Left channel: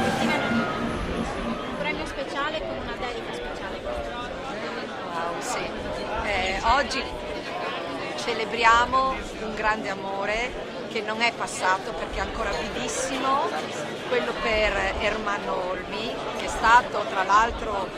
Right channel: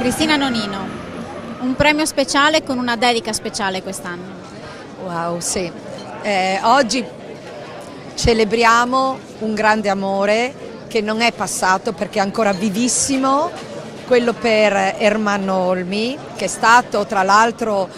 Cristina Nonino, un premio speciale con una dedica speciale quest'anno. Wow, sì. Oggi celebriamo un grande amore che non è passato perché è ancora vivissimo, quello per Ermanno Olmi, che è stato tra l'altro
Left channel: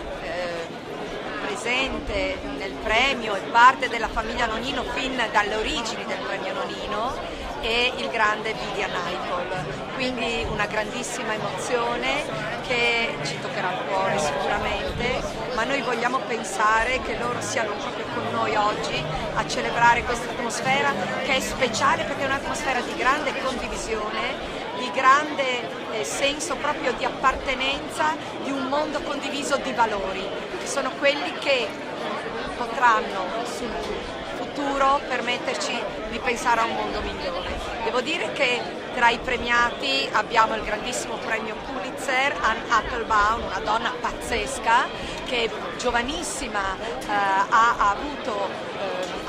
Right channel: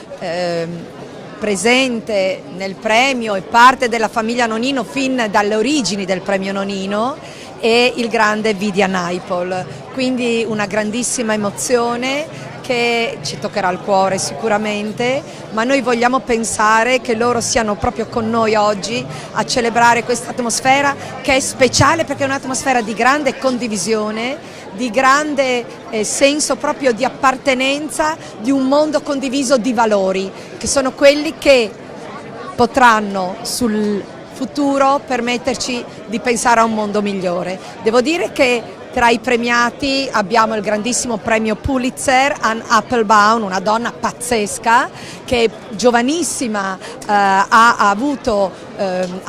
presente nel premio e parte della famiglia Nonino fin dalle origini del premio Nonino, e il grande Vidia Naipol. Quindi una grandissima emozione che ci toccherà il cuore sicuramente, ma noi vogliamo pensare che loro siano proprio con noi oggi a celebrare questa atmosfera che è speciale perché è un'atmosfera di grande condivisione, di grande senso proprio di appartenenza, di un mondo condiviso di valori, che sono quelli che potranno sul futuro permetterci di pensare a un mondo migliore. Devo dire che tra i premiati abbiamo il grandissimo premio Pulitzer, Anne Applebaum, una donna pazzesca che giovanissima ha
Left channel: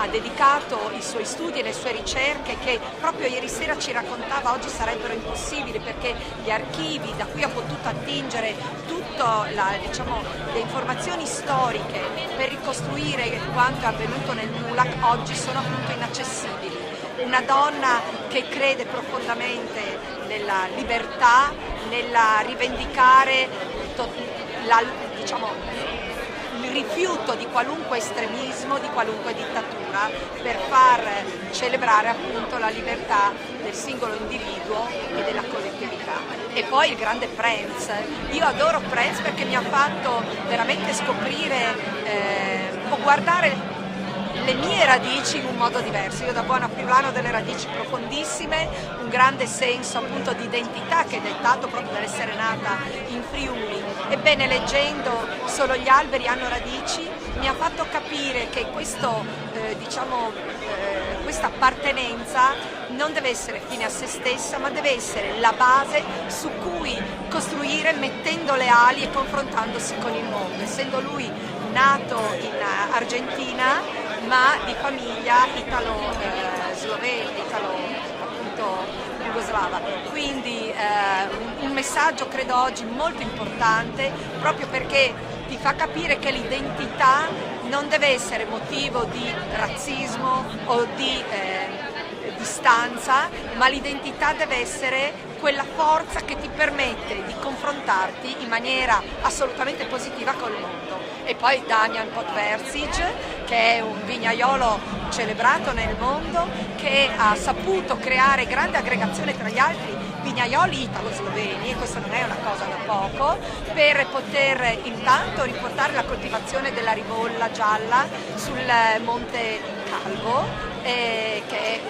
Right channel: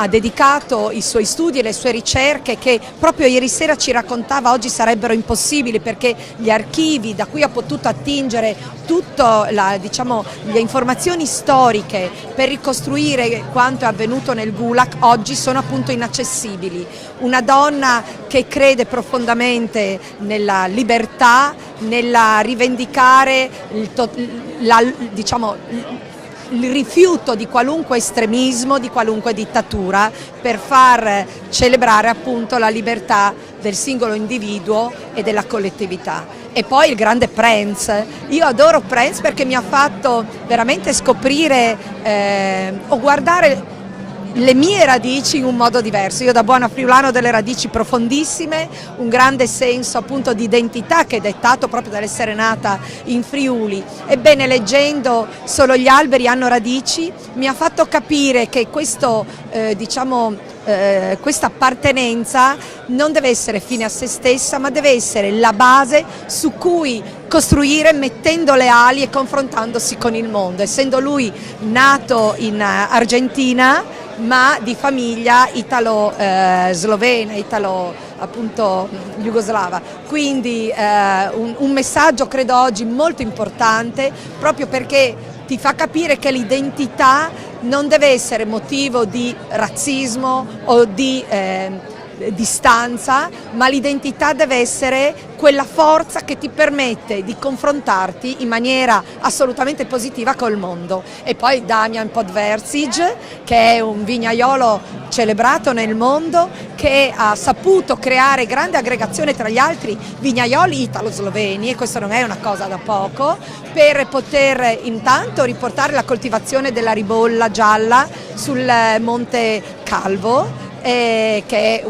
dedicato i suoi studi e le sue ricerche, che proprio ieri sera ci raccontava oggi sarebbero impossibili perché gli archivi da cui ha potuto attingere tutte le informazioni storiche per ricostruire quanto è avvenuto nel Gulag oggi sono appunto inaccessibili. Una donna che crede profondamente nella libertà, nella rivendicare il rifiuto di qualunque estremismo, di qualunque dittatura, per far celebrare appunto la libertà del singolo individuo e della collettività. E poi il grande Prince. Io adoro Prince perché mi ha fatto veramente scoprire o guardare le mie radici in un modo diverso. Io da buona friulana ho delle radici profondissime, un grande senso appunto di identità che è dettato proprio dall'essere nata in Friuli. Ebbene, leggendo Solo gli alberi hanno radici, mi ha fatto capire che questa appartenenza non deve essere fine a se stessa, ma deve essere la base su cui costruire mettendo le ali e confrontandosi con il mondo. Essendo lui nato in Argentina, ma di famiglia italo-slovena, appunto jugoslava. Quindi un messaggio credo oggi molto importante, proprio perché ti fa capire che l'identità non deve essere motivo di razzismo o di distanza, ma l'identità deve essere quella forza che ti permette di confrontarti in maniera assolutamente positiva col mondo. E poi Damian Podverzic, che è un vignaiolo celebrato nel mondo, che ha saputo creare grande aggregazione tra gli altri vignaioli italo-sloveni, e questo non è una cosa da poco, per poter intanto riportare la coltivazione della ribolla gialla sul Monte Calvo, che è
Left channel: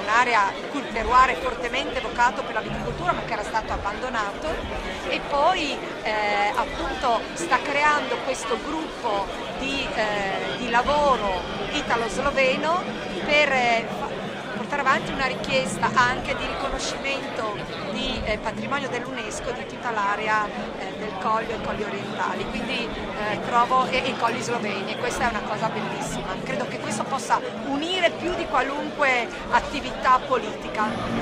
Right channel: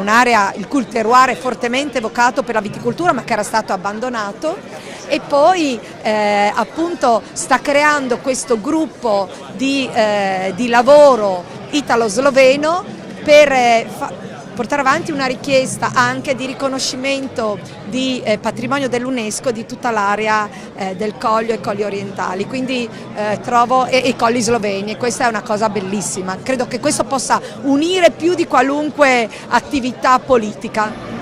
un'area il cui terroir è fortemente evocato per la viticoltura ma che era stato abbandonato, e poi appunto sta creando questo gruppo di lavoro italo-sloveno per portare avanti una richiesta anche di riconoscimento di patrimonio dell'UNESCO di tutta l'area del Coglio e Colli orientali, quindi trovo e i Colli sloveni, e questa è una cosa bellissima. Credo che questo possa unire più di qualunque attività politica.